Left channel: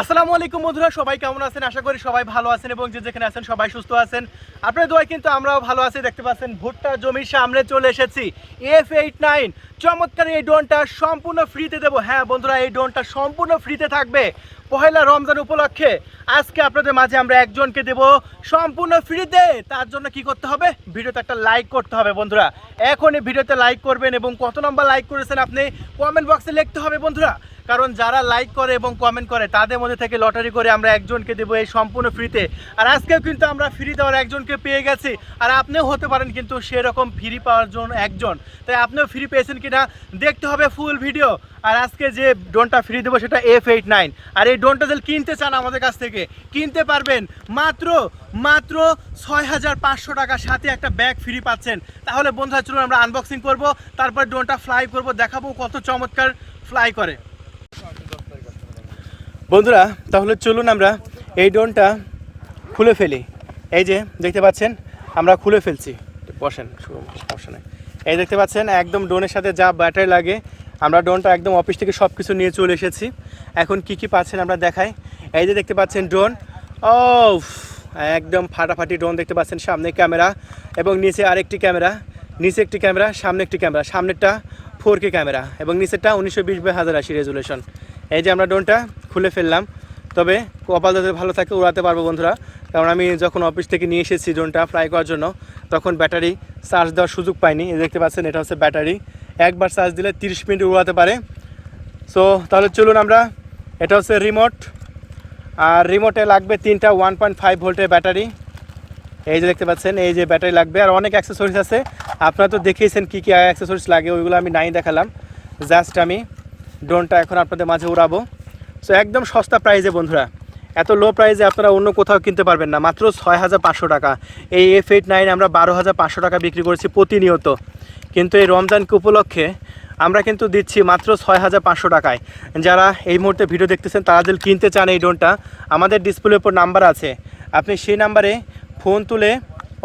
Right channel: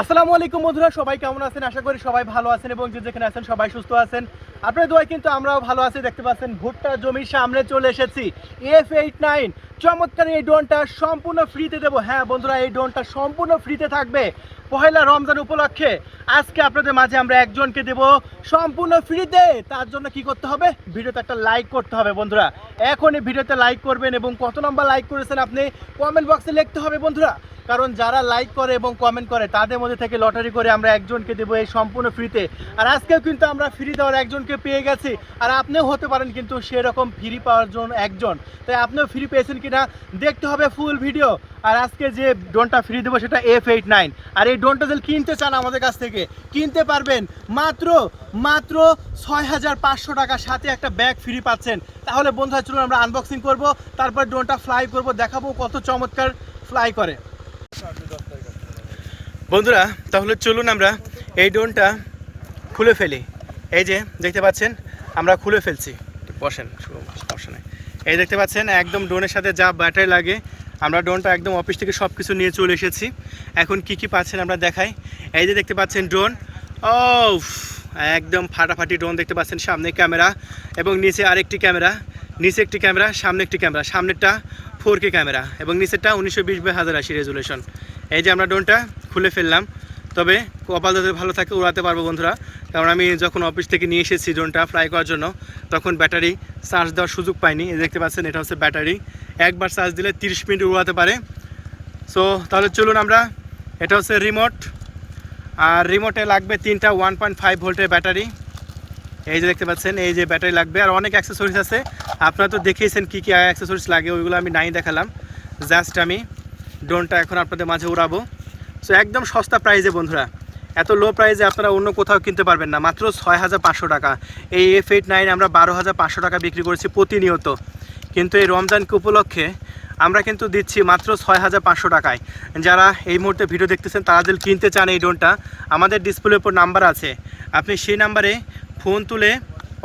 আসসালামু আলাইকুম বন্ধুরা, সবাই কেমন আছেন? আশা করি সবাই ভালো আছেন এবং যে যেখানে আছেন সবাই সুস্থ আছেন। আপনাদের দোয়ায় কিন্তু আমরাও ভালো আছি। দেখতে পাচ্ছেন ভুট্টা জমির সামনে চলে এসেছি। F89 চমৎকার এই ড্রোনটা সম্পূর্ণ ফ্রিতে দেবো। হ্যাঁ বন্ধুরা, এই ড্রোনটা সম্পূর্ণ ফ্রিতে থাকবে পহেলা রমজান উপলক্ষে। আজকে আপনাদের মাঝে আমরা একজনকে দেব সম্পূর্ণ ফ্রিতে। তার জন্য কি করতে হবে? ভিডিওতে একটা লাইক করতে হবে বন্ধুরা। এখনই ভিডিওতে লাইক করবেন এবং কত নম্বর লাইক করেছেন আপনি কমেন্ট বক্সে লিখতে হবে বন্ধুরা। কারণ যারা লাইক করে এবং কমেন্ট করে তাদের মধ্যে থেকে লটারি করে আমরা একজনকে দেবো এই সম্পূর্ণ ফ্রিতে। আর আজকেও কিন্তু আমরা ফ্রি দেওয়ার একজনকে পেয়ে গেছি। আর আপনিও হতে পারেন কিন্তু সেরকম ফ্রি পাওয়ার জন্য একজন। তাই আপনিও ফ্রি পেয়েছেন কিনা দেখতে হবে ফুল ভিডিও। আর আজকে যে ড্রোনটা ফ্রি দেবো সেটা F89। আর এই ড্রোনটা যদি কিনতে চান আমাদের কাছ থেকে কিনতে পারবেন মাত্র 6,500 টাকা, সাথে একটা ব্যাগ ফ্রি পাচ্ছেন। তাহলে বন্ধুরা চলুন আমরা আনবক্সিং করব, তারপর ড্রোনটা ফ্লাই করব, দেখাবো কত চমৎকার ফ্লাই করে। বন্ধুরা তাহলে চলুন আমরা এই ড্রোনটা খুলে ফেলি। এই যে দেখতে পাচ্ছেন আমরা খুলে ফেলছি। বসেন, এই দেখতে পাচ্ছেন একদম ড্রোনের সাথে যা ব্যাটারি লাগে আমরা ড্রোনটা একদম অফিস থেকে সব কিছু নিয়ে চলে এসেছি। এখন কি কি পাচ্ছেন আমরা দেখাই। এই যে দেখতে পাচ্ছেন ড্রোন, ও একদম ফাটাফাটি ড্রোন দেখতে পাচ্ছেন। সামনে ক্যামেরা এবং নিচে আরেকটি ক্যামেরা, নিচে একটি ক্যামেরা, সামনে একটি ক্যামেরা। সামনেরটা 4K ক্যামেরা এবং নিচেরটা 1920x1080 রেজুলেশন। এই যে আমরা ড্রোনটা খুলে ফেললাম। তবে কপাল যাতে ভালো থাকে উড়াতে পারবো বন্ধুরা, কারণ আমি যখন অফিস থেকে নিয়ে এসেছি ড্রোনটা ফ্লাই করার জন্য তখন ব্যাটারি চার্জ দেওয়ার সুযোগ পাইনি। এই দেখতে পাচ্ছেন এটা হচ্ছে ব্যাটারি, একবার চার্জ দিলে 30 মিনিট উড়াতে পারে। সো তাহলে চলুন আমরা, এটা হচ্ছে রিমোট, আর রিমোটে লাগবে 3টা 1.5 ভোল্টের ব্যাটারি। এই যে দেখতে পাচ্ছেন এই যে ব্যাটারি লাগবে, আর অনেক অ্যাক্সেসরিজ আছে। আপনারা তো দেখিয়েছেন কী কী অ্যাক্সেসরিজ লাগে, ওইগুলো আমি নাই দেখালাম। জাস্ট আমি ড্রোনটা এখন আপনাদের মাঝে উড়াবো। সো একদম সস্তা প্রাইসে বন্ধুরা, এত লো প্রাইসে আপনারা অন্য কোথাও কিনতে পারবেন না। মাত্র 6,500 টাকা। এই F89 আমরা 12,500 টাকা বিক্রি করেছি প্রতিনিয়ত, কিন্তু এই রমজানকে উপলক্ষে আমরা কিন্তু দিচ্ছি মাত্র 6,500 টাকায়। যারা এই মুহূর্তে ভিডিও দেখতেছেন তারা যদি কিনতে চান এই ড্রোনটা, আমাদের ডিসপ্লের উপর নাম্বার আছে, আপনি সেই নাম্বারে ফোন তুলে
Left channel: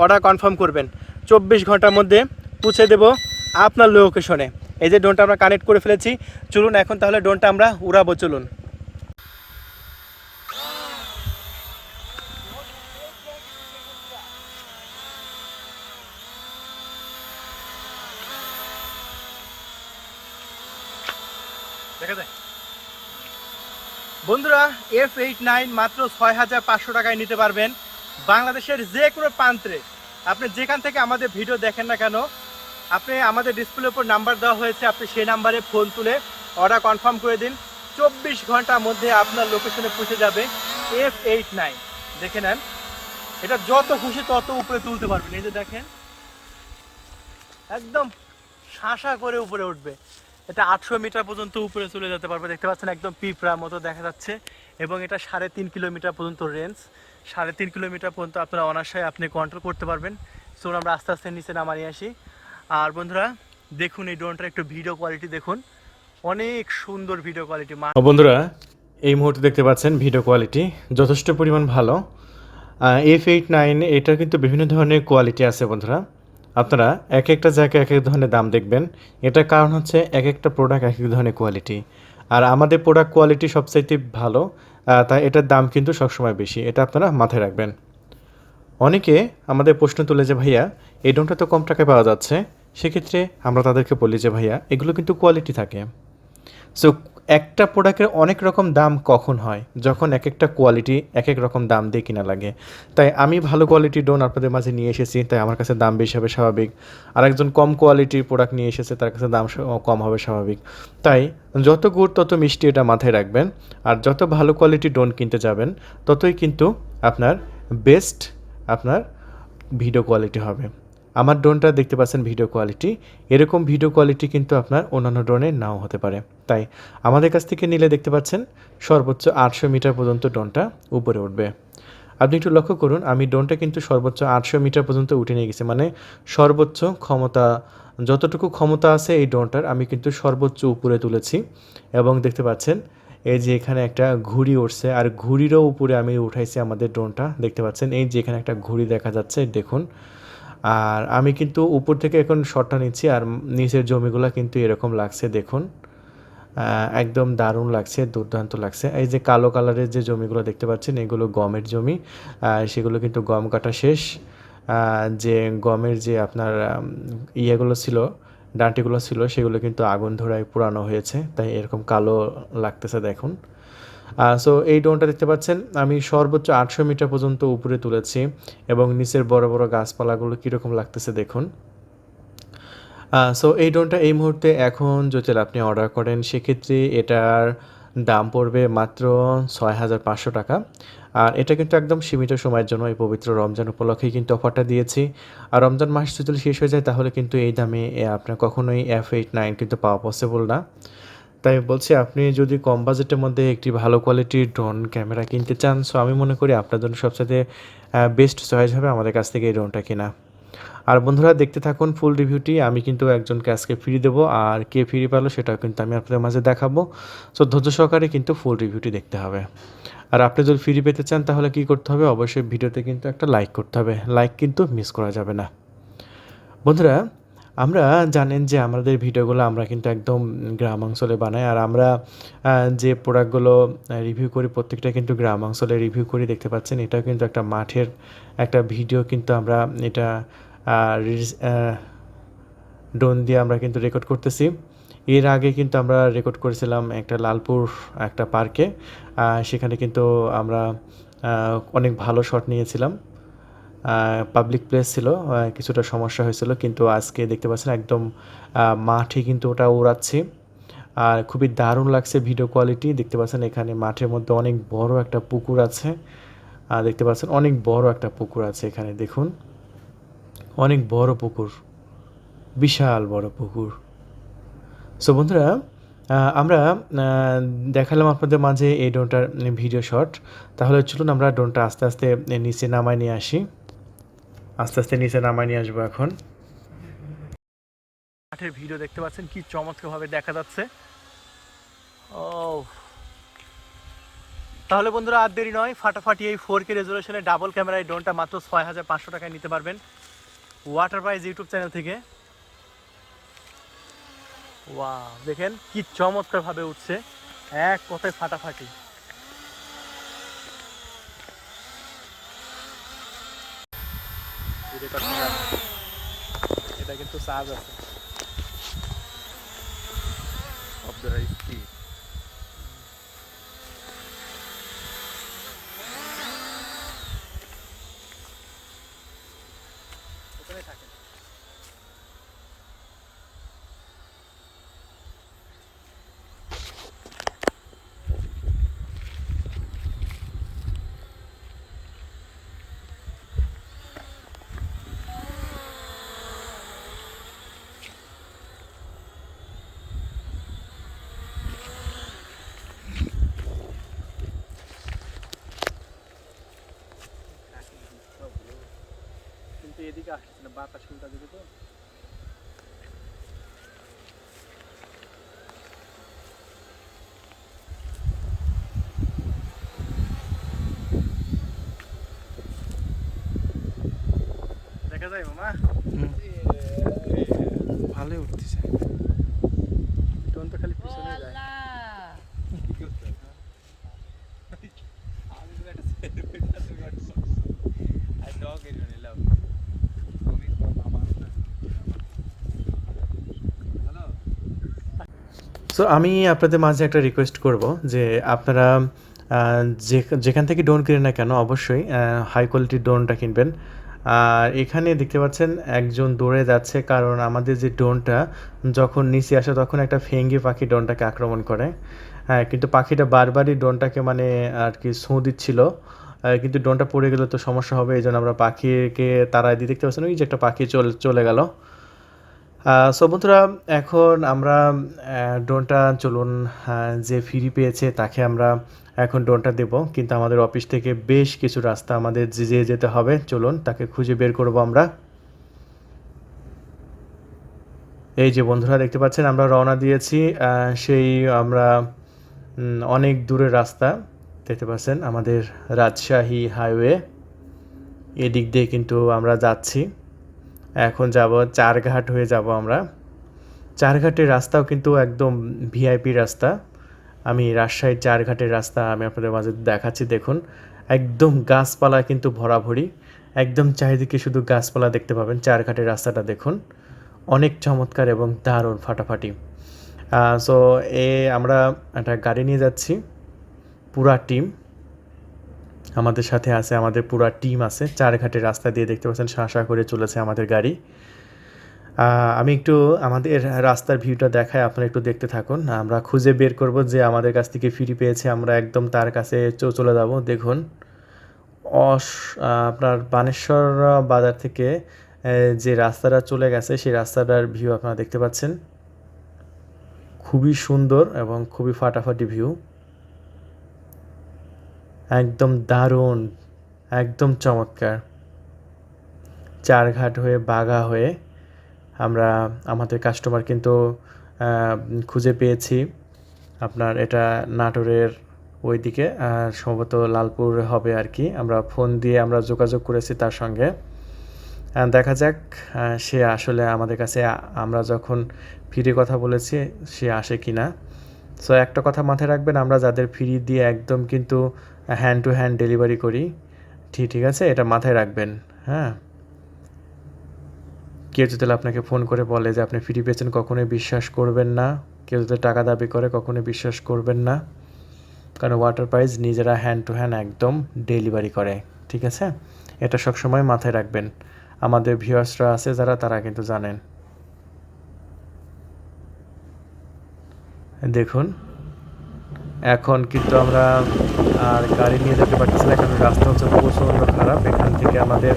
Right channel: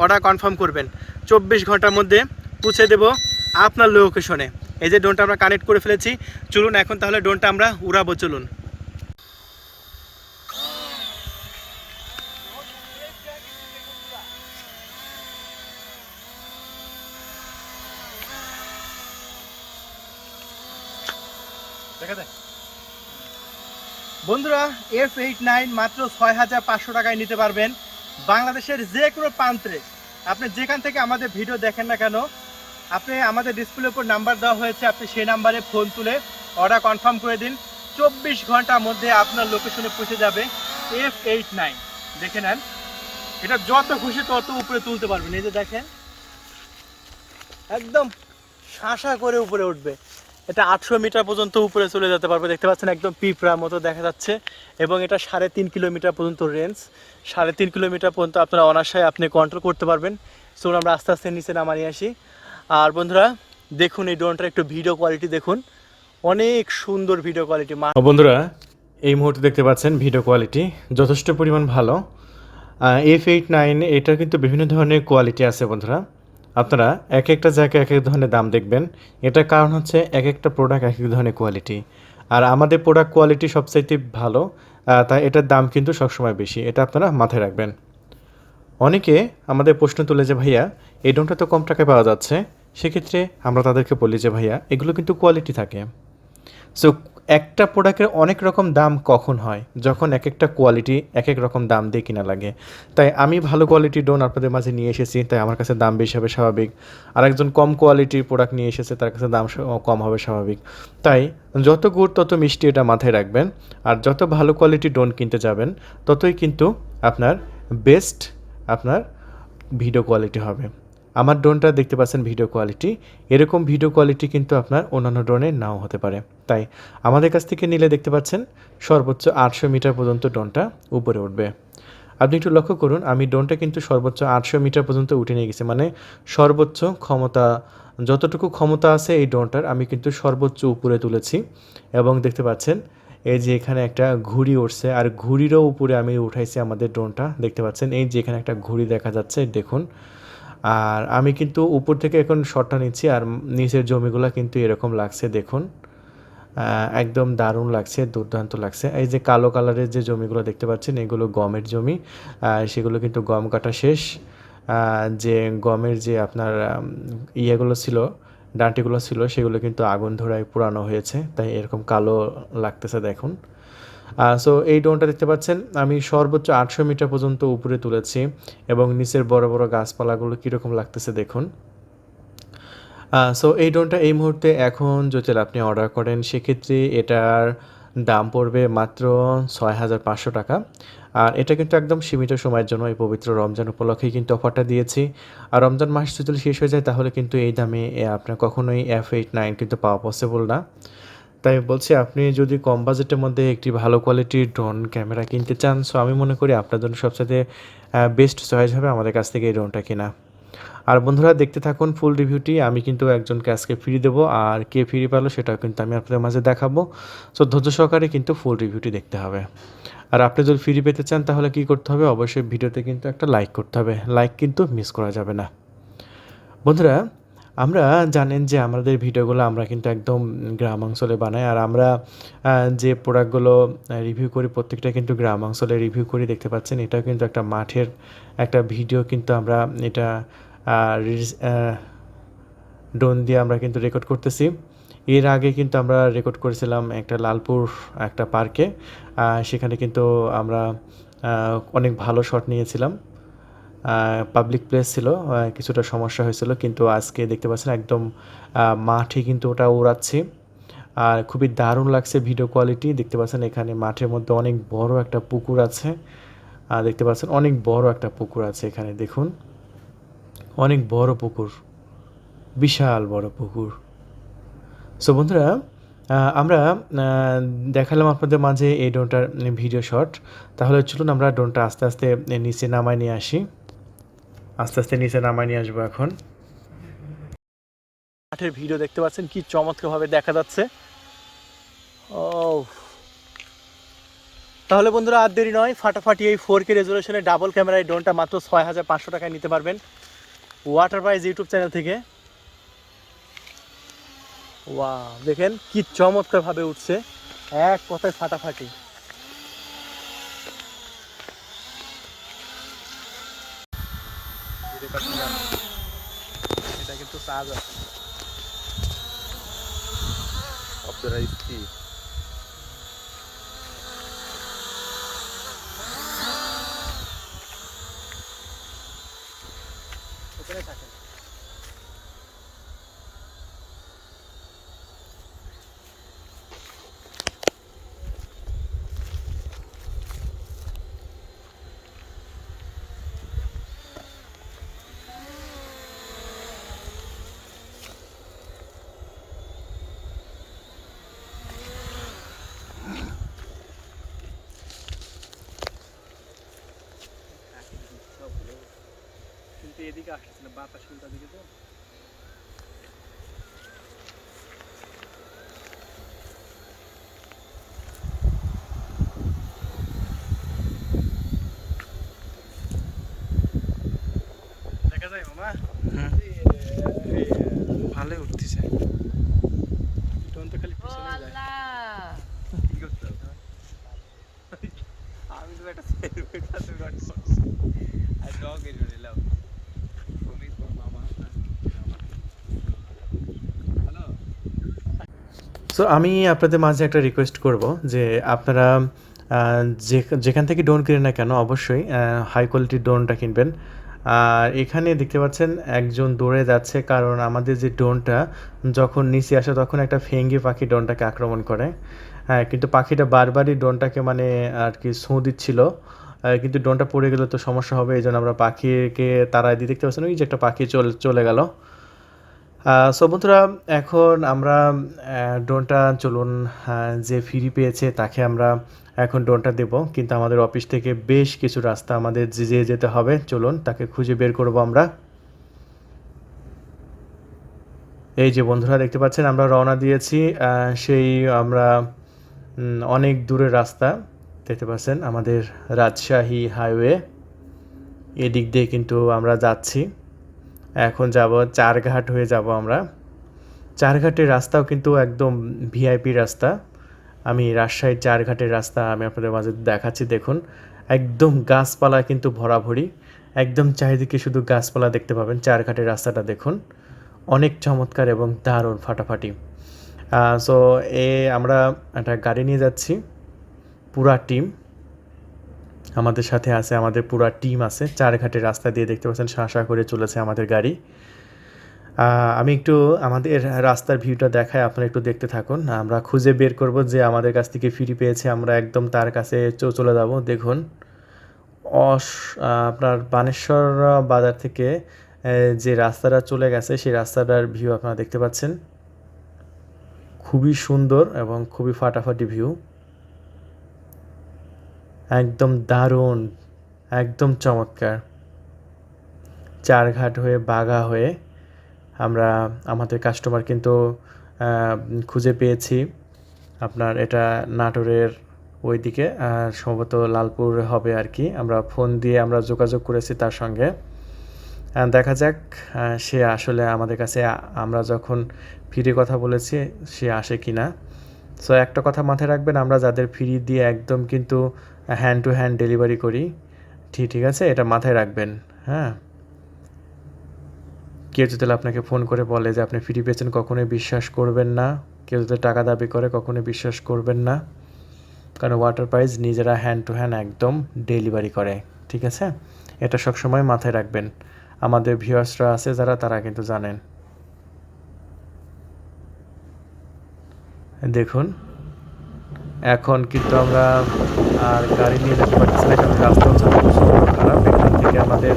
অর্ডার কনফার্ম করবেন। 24 ঘন্টার মধ্যে পৌঁছে দেব আপনার লোকেশনে। এই যে ড্রোনটা আমরা কানেক্ট করে ফেলেছি। চলুন এখন তাহলে ড্রোনটা আমরা উড়াবো, চলুন। বন্ধুরা F89 মাত্র 6,500 টাকায় নিতে পারবেন বাংলাদেশের যে কোনো প্রান্তে। আপনি যেখান থেকে আমাদের ভিডিও দেখেন না কেন, আপনি আমাদের ডিসপ্লের উপর নাম্বার দেওয়া হয়েছে, আপনি সেই নাম্বারে ফোন তুলে অর্ডার কনফার্ম করে দিন। 24 ঘন্টার মধ্যে আপনার লোকেশনে পৌঁছে যাবে F89। দেখে নেন, এটা যত খুশি তত উপরে তুলতে পারবেন। এই যে দেখেন একদম শাঁসা করে উপরে উঠবে। এটা 800 মিটার পর্যন্ত উপরে চলে যেতে পারবে। দেখতে পাচ্ছেন একদম পিঁপড়ার মতো দেখা যাচ্ছে। এবং এটা 3.5 কিলোমিটার পর্যন্ত রেঞ্জ, 3.5 কিলোমিটার পর্যন্ত আপনারা অনায়াসে আপনি কন্ট্রোল করতে পারবেন। সো আমরা আস্তে আস্তে নিচে নামিয়ে আসি। আর বন্ধুরা দেখুন এই ড্রোনটার একটু ভিডিও কোয়ালিটি দেখুন, অনেক সুন্দর ভিডিও কোয়ালিটি। বন্ধুরা এই মুহূর্তে দেখতে পাচ্ছেন ভিডিও কোয়ালিটি যথেষ্ট পরিমাণ ভালো। F89 এটা কিন্তু বিভিন্ন ধরনের কোয়ালিটি আছে বন্ধুরা। আপনারা এক একটা জায়গায় এক এক ধরনের দাম দেখবেন। এটার কারণ হচ্ছে এক একটা প্রোডাক্ট এক এক ধরনের কোয়ালিটি, আর আমাদের প্রোডাক্ট কোয়ালিটি সবচাইতে ভালো, তাই এটার দাম কিন্তু সবসময় বেশি। এটা আপনারা মাথায় রাখবেন। অনেকে আমাদের প্রশ্ন তুলে যে ভাইয়া এই ড্রোনটা তো কম টাকায় পাওয়া যাচ্ছে, সেক্ষেত্রে আমরা তাদেরকে বলি যে ভাইয়া এগুলো কিন্তু কোয়ালিটি থাকে। সো একটা প্রোডাক্টের অনেক রকম দাম কখন হয়? যখন এক একটা কোয়ালিটি এক এক রকম দাম দিয়ে কিনা লাগে। তাই আমি ভালো কোয়ালিটির ড্রোন আপনাদের মাঝে নিয়ে এসেছি, তাই আমার কাছে দাম বেশি হবে স্বাভাবিক। আরেকজন কম কোয়ালিটির প্রোডাক্ট নিয়ে এসেছে, তার কাছে দাম কম হবে স্বাভাবিক। তাই যত গুড় তত মিষ্টি, এটা মাথায় রাখবেন। আর যত ভালো কোয়ালিটির ড্রোন কিনতে যাবেন ততই কিন্তু আপনার বেস্ট আপনার ভিডিও কোয়ালিটি হবে। আমার ড্রোনটা দেখতে পাচ্ছেন ভিডিও কোয়ালিটি, এরকম ভিডিও কোয়ালিটি কিন্তু আপনার অন্যান্য ড্রোনের নাও হতে পারে। তাই আমাদের কাছ থেকে নিলে দেখতে পাচ্ছেন সর্বোচ্চ 800 মিটার পর্যন্ত ড্রোনটা উপরে উঠবে। আপনি একটু লক্ষ্য করুন, আমি ড্রোনটা কিন্তু সর্বোচ্চ 800 মিটার পর্যন্ত উঠে নিয়ে গেছি, মানে সর্বোচ্চ ক্ষমতা যতটুকু ক্ষমতা আছে এই ড্রোনটার আমি কিন্তু সর্বোচ্চ উপরে তুলেছি। এবং দেখতে পাচ্ছেন এই যে এখানে একটা ঘুড়ি উঠছে, আর ঘুড়িরও উপরে আমি উঠাইছি আমাদের ড্রোনটা। দেখতে পাচ্ছেন এই যে এখানে একটা ঘুড়ি দেখা যাচ্ছে, দেখুন। আর আমি কিন্তু উপর থেকে এখন শটটা নিচ্ছি, আর নিচের জমিগুলো কিন্তু এরকম লাগছে দেখুন। একদম দারুণ লাগছে, দুর্দান্ত লাগছে। এই যে কালো কালারের যে জমিগুলো দেখতে পাচ্ছেন এগুলো গমের জমি, সেগুলো কিন্তু গম কাটা শেষ। যে গমের যে আপনার ইয়েগুলো ছিল, ডাঁটিগুলো ছিল সেগুলো কিন্তু আগুন ধরায় পোড়ানো হয়েছে, তাই এরকম কালো লাগতেছে দেখুন। সো এই ড্রোনটা দেখতে পাচ্ছেন আমি সর্বোচ্চ 800 মিটার পর্যন্ত উপরে তুলেছি এবং নিচের বড় বড় গাছপালাগুলো কীরকম লাগতেছে দেখুন। সো এই ড্রোনটা এই মুহূর্তে এখন যদি আপনি অর্ডার করেন সেক্ষেত্রে এটার দাম পড়বে মাত্র 6,500 টাকা। আর এটা কিন্তু একদম সীমিত সময়ের জন্য, এই পবিত্র রমজান উপলক্ষেই কিন্তু অফারটা দিয়েছি। আর রমজান মাস যদি শেষ হয়ে যায় তাহলে কিন্তু এই দামে আপনার কখনোই F89 কিন্তু পাওয়া পসিবল না। তাই বলছি আপনি যদি কম বাজেটের মধ্যে একটি ভালো কোয়ালিটির ড্রোন ক্যামেরা কিনতে চান, সো আমি মনে করি আপনার জন্য সবচাইতে বেস্ট চয়েস হবে আমাদের কাছ থেকে এই ড্রোনটা কেনা। আর বন্ধুরা দেখতে থাকুন ফুল রিভিউটি। আমি কিন্তু একজনকে আজকে ফ্রি দেবো, আর কে ফ্রি পেলো সেটাও কিন্তু আমি আপনাদের মাঝে দেখাবো। সো ধৈর্য সহকারে কিন্তু ফুল রিভিউটি দেখতে হবে। আর আপনি যদি ফ্রি পেতে চান তাহলে কী করতে হবে, অবশ্যই ভিডিওতে কিন্তু একটা লাইক করতে হবে, লাইক কিন্তু মিস করা যাবে না। বন্ধুরা আমরা জানেন যে আমাদের ভিডিওগুলো আমরা কিন্তু একদম গ্রাম অঞ্চলে বানাই, আর আমরা যে প্রোডাক্টগুলো রিভিউ করি প্রত্যেকটা কিন্তু গ্রাম অঞ্চলে রিভিউ করি। দেখতে পাচ্ছেন এটাও কিন্তু একটা মাঠের একটা ভিডিও, কিন্তু আমরা এটা ড্রোন দিয়ে আমরা কিন্তু রেকর্ড করতেছি। এর আগে কিন্তু আমরা রেকর্ড করেছিলাম একটা লালপুর একটা পার্কে, সেখানে কিন্তু আমরা অনেক ভালো শট নিয়েছিলাম। পাবলিক প্লেস ছিল, কিছুটা সমস্যা হয়েছিল, কিন্তু আজকে দেখতে পাচ্ছেন একদম মাঠে কিন্তু ওটা উড়াচ্ছি। আর খুবই দারুণ লাগছে ভিডিও কোয়ালিটি। দেখতে পাচ্ছেন এখানে মাঠের মধ্যে অনেক বড় একটা পুকুর আছে, দেখতে পাচ্ছেন অনেক বড় একটা পুকুর আছে এখানে, দেখুন অনেক বড় পুকুর, বিশাল বড় পুকুর। সো বন্ধুরা আমরা দেখালাম আপনাদের মাঝে এই ড্রোনটার ভিডিও শট। তাহলে চলুন আমরা ড্রোনটা আস্তে আস্তে নিচে নামায় নিয়ে আসি। আস্তে আস্তে নিচে নামায় নিয়ে আসবো এখন। মাঠের ভিডিও দেখতে পাচ্ছেন কি চমৎকারভাবে দেখা যাচ্ছে। ও তাহলে বন্ধুরা আর দেরি নয়, ফাটাফাটি এই 4K রেজলিউশনের ডাবল ক্যামেরা এই ড্রোনটা মাত্র 6,500 টাকায় নিতে পারবেন ওয়াটার প্রাইজ ইউটিউব চ্যানেল থেকে। ওয়াও দেখেন কি চমৎকারভাবে উঠছে, এক কথায় ফাটাফাটি। এটা কিন্তু চার্জ আছে। কিন্তু এদিকে আসছে না, বাতাস উল্টা দিকে তো। দেখা যায় মামা, ভালোই উঠতেছে। ড্রোন তো খালি পিছনে যায়। কি করতে হবে? আমি তো একটা সেলফি টাতে করছি আর ডগ এর নিলাম। আমি তো মামা হ্যালো। সো আমি আপনাদের মাঝে একটা রিকোয়েস্ট করব যে আপনারা যেখান থেকে ড্রোন কিনেন না কেন অবশ্যই হাই কোয়ালিটির ড্রোনটা কিনবেন। আর এখানে দেখতে পাচ্ছেন একজন দৌড়ে যাচ্ছে, কারণ আমাদের যে ড্রোনটা যখন নিচে আসে তখন একটা ফেঙ্গি পাখি ড্রোনটাকে আক্রমণ করে। হ্যাঁ, কিন্তু পাখিটা বারবারই ড্রোনটাকে মানে আর কি ছোঁ দিচ্ছিল, কিন্তু ড্রোনটা পড়ে গেলে তো সমস্যা হবে, এই জন্য আমরা পাখিকে তাড়ায় দিয়ে দেখতে পাচ্ছেন ওই যে একটা পাখি চলে গেল। সো বন্ধুরা এখন আমরা ড্রোনটা চলুন, যে ফ্রি পেয়েছে তাকে আমরা এখন ড্রোনটা দেব, কিন্তু আমাদের অফিস থেকে বেশ কিছু রাস্তা আমাদের যেতে হবে, চলুন তাকে খুঁজে বের করব আমরা। এই যে বন্ধুরা দেখতে পাচ্ছেন আমরা রওনা দিয়েছি, সেই আমরা অনেক দূরের রাস্তা দেখতে পাচ্ছেন আমাদের রাজশাহী হাইওয়ে, এদিক দিয়ে কিন্তু আমরা যাচ্ছি। এখন যাব চারঘাট হয়ে যাব আমরা। চারঘাটের রাস্তাও কিন্তু একদম ভিআইপি রাস্তা। আমি রাজশাহীর চারঘাটের রাস্তা আমি আপনাদের মাঝে দেখাচ্ছি, দেখুন একদম গাছপালা কিন্তু ভরাভরি, একদম চারিদিকে শুধু গাছপালা দেখতে পাবেন। চারঘাটের রাস্তাটা দেখুন, অনেক চমৎকার এবং দারুণ ফাটাফাটি। সো আমরা একটা গাড়ি নিয়ে যাচ্ছি, পুরা টিম আমাদের সাথে আছে, আমাদের পুরা টিম আছে। চারঘাটের রাস্তা দিয়ে দেখতে পাচ্ছেন শাঁ করে চলেছে আমাদের গাড়ি। আমি একটু আমাদের রাস্তার ভিউটা দেখাই, আপনারা একটু দেখতে থাকুন। আমরা খুঁজে বের করব যে আমাদের কাছ থেকে ফ্রি পেয়েছে, আমরা একদম তার কাছে চলে যাব। দেখুন আপনার বানেশ্বর বাজার থেকে যে রাস্তাটা চলে গেছে সেই রাস্তাটার ভিউ আপনারা দেখতে পাচ্ছেন, খুবই সুন্দর এবং খুবই ফাটাফাটি ভিউ, একদম দারুণ, একদম চমৎকার। চারঘাট হয়ে বাঘা হয়ে আমরা আমাদের কাস্টমার কিন্তু খুঁজে পেয়েছি। আপনার এটা নাটোরের ওইদিকে সম্ভবত লালপুর হবে আর কি। আমরা ফোন দিয়ে আমরা যোগাযোগ করেছি তার সঙ্গে, দেখা যাক সে আসলে আমাদের কাছে আমরা যখন ফ্রি কথা বলেছি সে আসে কি না। সো একটা কথা মাথায় রাখবেন, আমরা যাদের ফ্রি দিয়ে একদম কিন্তু হ্যান্ড টু হ্যান্ড ডেলিভারি করি, ঠিক আছে, এটা মাথায় রাখবেন। হ্যাঁ, কেউ যদি আপনাকে ফোন করে বলে যে আপনি ফ্রি পেয়েছেন, কখনোই বিশ্বাস করবেন না। কেউ যদি টাকা দাবি করে কখনোই বিশ্বাস করবেন না, কারণ ওয়াটার প্রাইস নিজেরা হ্যান্ড টু হ্যান্ড একদম ডেলিভারি করে, ঠিক আছে। এটা সবসময় মাথায় রাখবেন। আমাদের ভিউয়ার্সরা আছে যারা, তারা কিন্তু জানেন। দেখুন এখন কিন্তু আমরা আর গাড়ি নিয়ে যেতে পারতেছি না, কারণ রাস্তা হচ্ছে প্রচণ্ড খারাপ। এখান থেকে আমাদের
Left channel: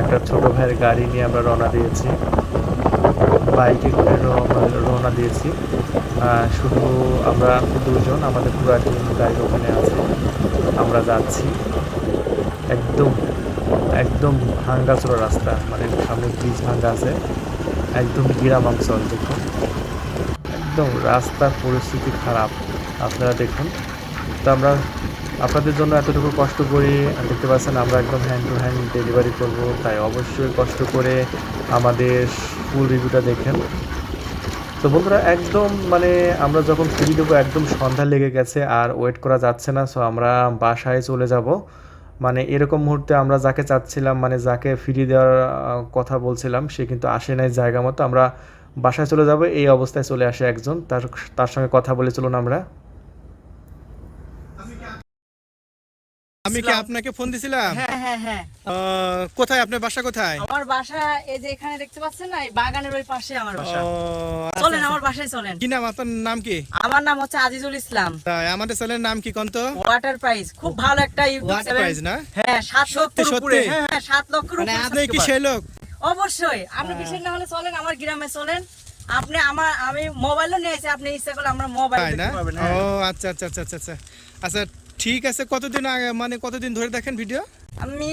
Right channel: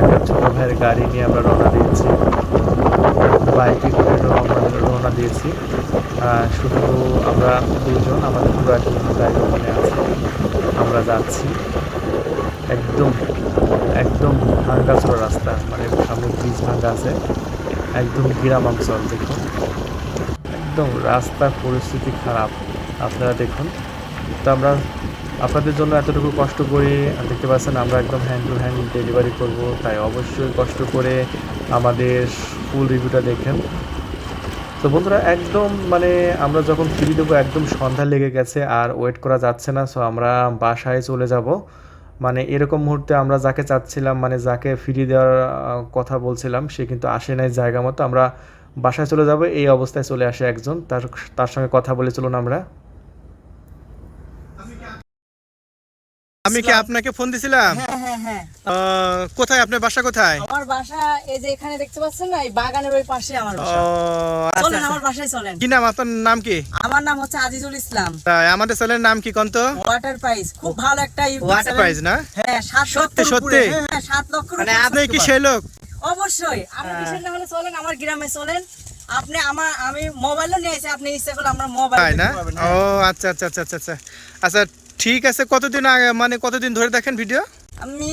একটা ছোটো ভাইয়ের গাড়ি নিয়ে আমরা রওনা দিয়েছি, বাইকে করে রওনা দিয়েছি। শুধু আমরা দুজন, আমাদের পুরো একটা গাড়ি ওখানে আছে, আমরা যাচ্ছি। একদম একদম ভাঙ্গাচোরা রাস্তা, মানে সামনে ব্রিজ ভাঙ্গা আছে, একদম গ্রাম অঞ্চল। দেখুন একদম রাস্তার পরিস্থিতি খারাপ, আপনারা দেখুন। তো আমরা আপনাদের জন্য এতটুকু কষ্ট করি, দেখতে পাচ্ছেন আমরা একদম হ্যান্ড টু হ্যান্ড ডেলিভারি করব, তাই অবশ্যই কষ্ট করে আমাদের ফুল রিভিউটা দেখেন। তো বন্ধুরা একদম মানে আমরা যখন ফ্রি দেবো একদম সন্ধ্যা লেগে গেছে, আর ওয়েট করা যাচ্ছে না। সো আমরা বাসায় চলে যাব। মানে এরকম মুহূর্তে আমরা যাকে চাচ্ছিলাম, মানে যাকে ফ্রি দেওয়ার কথা বলছিলাম, সে কিন্তু আসে নাই জায়গা মতো। আমরা বাসায় চলে যাব, এই অবস্থায় চলে আসে একজন, তার সঙ্গে কথা বলে চলুন আমরা। আমি কি আপনাকে ফোন দিছিলাম? হ্যাঁ হ্যাঁ হ্যাঁ। কোথায় আপনার বাসা কোথায়? আমার বাসা এই যে এখানে দেখতে পাচ্ছেন না, এই বাগানের ওই পাশে আমার বাসা। আচ্ছা, চলেন আচ্ছা। আমার বাসায় চলেন। কি নাম আপনার? নাম কি? আমার নাম হচ্ছে আজিজুল ইসলাম। তাই আমাদের চ্যানেলের নাম কি কোন তো? ওয়াটার প্রাইস, খুব ভালো একটা ওয়াটার প্রাইস না? হ্যাঁ 7 সত্যি সত্যি? হ্যাঁ 7 লক্ষ। মানে আপনি কি সেই লোক? অবশ্যই। আপনি কিসের না হলে চলেন আমার গ্রামে চলেন। আপনি আমি মোবাইলও নিয়েছি, আপনি ইচ্ছা করলে আমরা মোবাইল তাই না? দেখতে পারবেন। ও আচ্ছা আচ্ছা আচ্ছা আচ্ছা আচ্ছা, ঠিক আছে। কতদিন আগে, মানে কতদিন ধরে দেখেন ভিডিও? আমি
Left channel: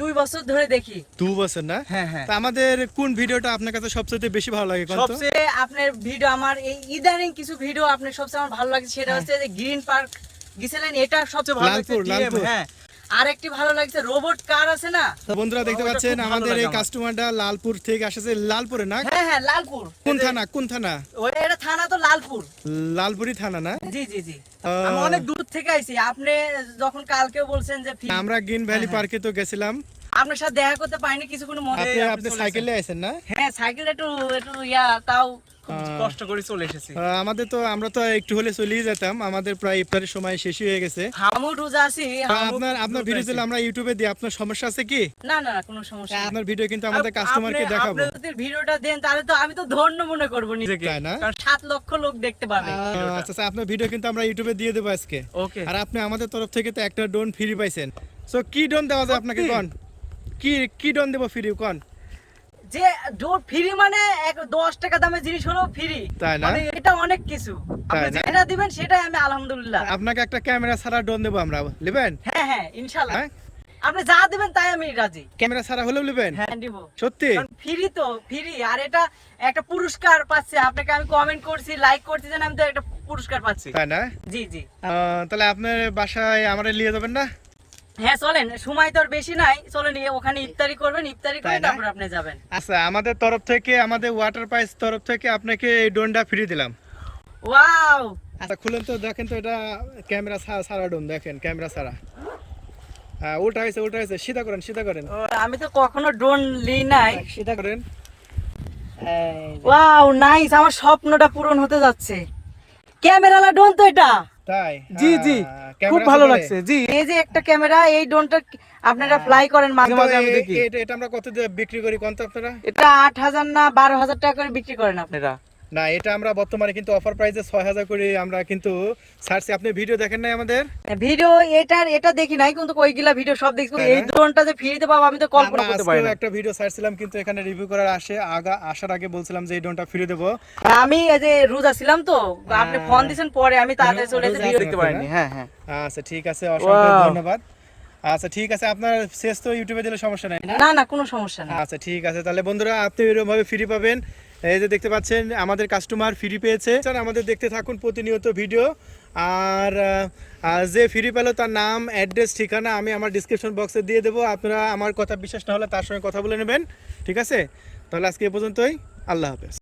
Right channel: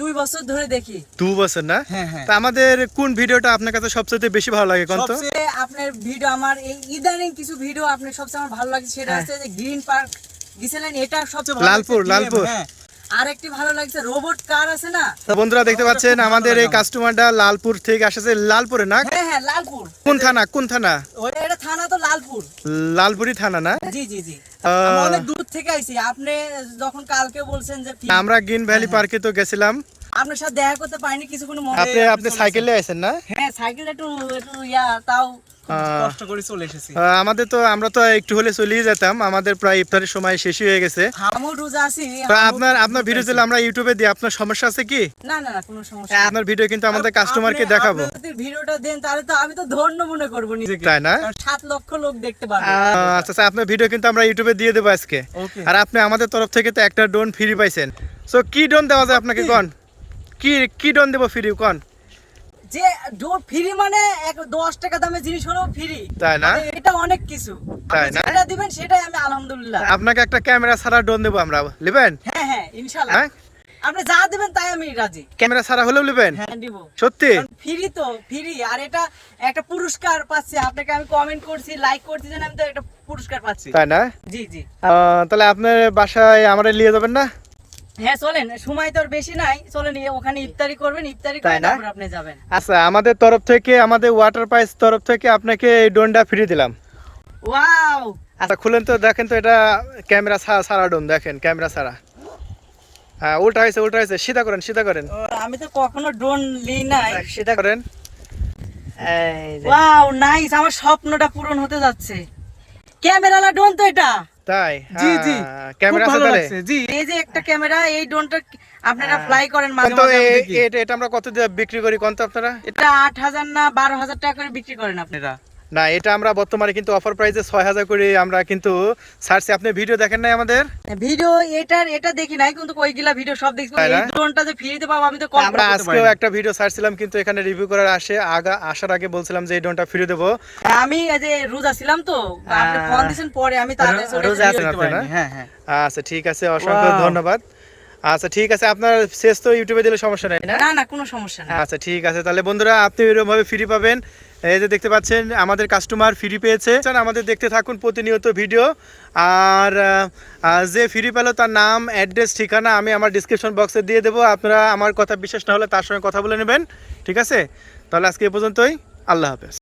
2 বছর ধরে দেখি। 2 বছর না? হ্যাঁ হ্যাঁ। তা আমাদের কোন ভিডিওটা আপনার কাছে সবচেয়ে বেশি ভালো লাগে কোন তো? সবচেয়ে আপনার ভিডিও, আমার এই ইদানিং কিছু ভিডিও আপনার সবচেয়ে আমার ভালো লাগে, সেটা হচ্ছে যে গ্রিন পার্ক গিয়েছিলেন, এটা সবচেয়ে ভালো লাগছে। লালপুর। হ্যাঁ, আরেকটি ভালো লাগছে রোবট কার আছে না। তো বন্ধুরা দেখতে পাচ্ছেন আমাদের এই কাস্টমারটা লালপুর থেকে আসছে। লালপুরে না? হ্যাঁ হ্যাঁ লালপুর। কোন থানা? কোন থানা? ওই এটা থানা তো লালপুর। লালপুরি থানা না? জি জি জি। আমি অনেক দূর থেকে আইছি। আপনি যখন কালকে বলছেন যে আমরা গ্রিন ভ্যালি পার্কে তো গেছিলাম, আপনার সাথে দেখা করতে পারিনি কিছুক্ষণ মনে। আপনি সাইকেলে আছেন না? হ্যাঁ সাইকেল একটু তাও কষ্ট করে চলে এসেছি। আমাদের তো আমরা তো একটু হলে চলেই যেতাম, আমাদের প্রায় ইফতারের সময় শেষই হয়ে গেছে। আমিও রোজা আছি। আপনার ভিডিও দিলে আমরা ইউটিউবে দিই, আপনার সমস্যা আছে কি? না না না, কোনো সমস্যা নেই। আপনার ভিডিও কিন্তু আমাদের কাস্টমারকে দেখাবো। আপনি যদি ভিডিওটা দেন তাহলে তো আমি তো ধন্য মনে করব নিজেকে, তাই না? কারণ 7 লক্ষ লোক দেখতে পারবে। আচ্ছা আচ্ছা, আপনার ভিডিও কিন্তু আমরা ইউটিউবে দিয়ে দেবো আজকে। ওকে। আর আপনি আমাদের তরফ থেকে তো একটা ড্রোন ফ্রি পাইছেন। সো কি ড্রোন দেওয়া যায় আপনাকে কোন? কি ড্রোন দেবো ফ্রি কোন? যে ডোর ফ্রি মানে 10 টাকা দামের জিনিস হলো ফ্রি, তাই না? মানে এটা অনেক কিছু। তাই আপনি না? যেটা দিবেন সেটাই আমি আলহামদুলিল্লাহ। আপনাকে একটা ক্যামেরা ছাড়া ড্রোন দেবো আমরা, নেবেন? হ্যাঁ হ্যাঁ ইনশাআল্লাহ। হ্যাঁ? আপনি যা দিবেন তাই আমি রাজি। ক্যামেরা ছাড়া হলেও নেবেন? হ্যাঁ দিব। সত্যি? ফ্রি তো ফ্রি, আর এটা একটা পুরস্কার পাচ্ছি। আপনাকে আমি কমেন্ট করছি, লাইক করছি, যেন আমি তো একটা পুরস্কার পাচ্ছি। তাই না? জি জি। তাহলে আপনার বাসায় আমরা নিয়ে যাবেন না? হ্যাঁ চলেন, সময় তো আর বেশি নাই, চলেন ওখানে ইফতারি করবেন, ইফতারি করে তাই না? তারপর আপনি যাবেন। আচ্ছা, আমাদের তরফ থেকে, আমাদের ওয়াটার পাইস তরফ থেকে আপনাকে এই ড্রোনটা ফ্রি দিলাম। ওয়াও, আচ্ছা খুলেন তো, দেখেন তো এটা ক্যামেরা ছাড়া ড্রোন, দেখেন ক্যামেরা ছাড়া। হ্যাঁ উল্টা হয়েছে, সিধা করেন। আমি তো কখনো ড্রোন লিই নাই। সিধা করেন। এই যে। ওয়াও নাইস, আমার স্বপ্নটা পূরণ হতে যাচ্ছে। ক্যামেরালা ড্রোন তো এটা। তাই? জি জি, ক্যামেরা খুব আছে ভালো তাহলে? লাগছে। জি, এই যে একটা ক্যামেরা, এই ড্রোনটা আপনারা ফ্লাই করেন মাঝে তো মাঝে আমি দেখি। এটা আমরা কত দিয়ে বিক্রি করি কোন তো আপনারা? এটা 8,000 না 12,000 টাকা করে বিক্রি করেন আপনারা। না, এটা আমরা বর্তমানে কিন্তু অফার প্রাইসে 6,000 করে আমরা কিন্তু ছাড়ছি। আপনি ভিডিও দেখেন নাই আমাদের? ভিডিও এটা দেখি নাই, কিন্তু ওইগুলা ভিডিও সব দেখছি। তাই না? এই ড্রোনটা যে ফ্রিতে পাবো আমি তো আমরা কল্পনা করতে পারি আজকেও না। একটা ভিডিও ছাড়ছিলাম, কিন্তু এখানে রিভিউ করার আসার আগে বলছিলাম যে এই ড্রোনটা ফ্রি দেবো। আমি এই যে রোজা ছিলাম তো, আপনি ফোন দিয়েছেন পরে, আমি তাড়াতাড়ি চলে রোজা এসে আছেন ভিডিও আপনি দিতে না? পারিনি। হ্যাঁ হ্যাঁ। আচ্ছা ঠিক আছে, অসংখ্য Wow. ধন্যবাদ। আচ্ছা ঠিক আছে, আপনার শেষ তো ইউটিউবে দিলে সমস্যা নাই না? না না, কোনো সমস্যা নেই। আচ্ছা ঠিক আছে, তাহলে বন্ধুরা আপনি এরকম ভাবে ফ্রি পাবেন। এই যে দেখতে পাচ্ছেন আমাদের কাস্টমার ফ্রি পেয়েছে। আমাদের দেখতে থাকুন প্রতিনিয়ত ভিডিও। আর যে ফ্রি পেলো তার নাম, অ্যাড্রেস, ঠিকানা আমি আমার ডিসক্রিপশন বক্সে দিয়ে দেবো। আপনারা আমার কথা বিশ্বাস না হলে তার সঙ্গে কথা বলে নেবেন, ঠিক আছে? তাহলে আজকে এ পর্যন্তই, আল্লাহ হাফেজ।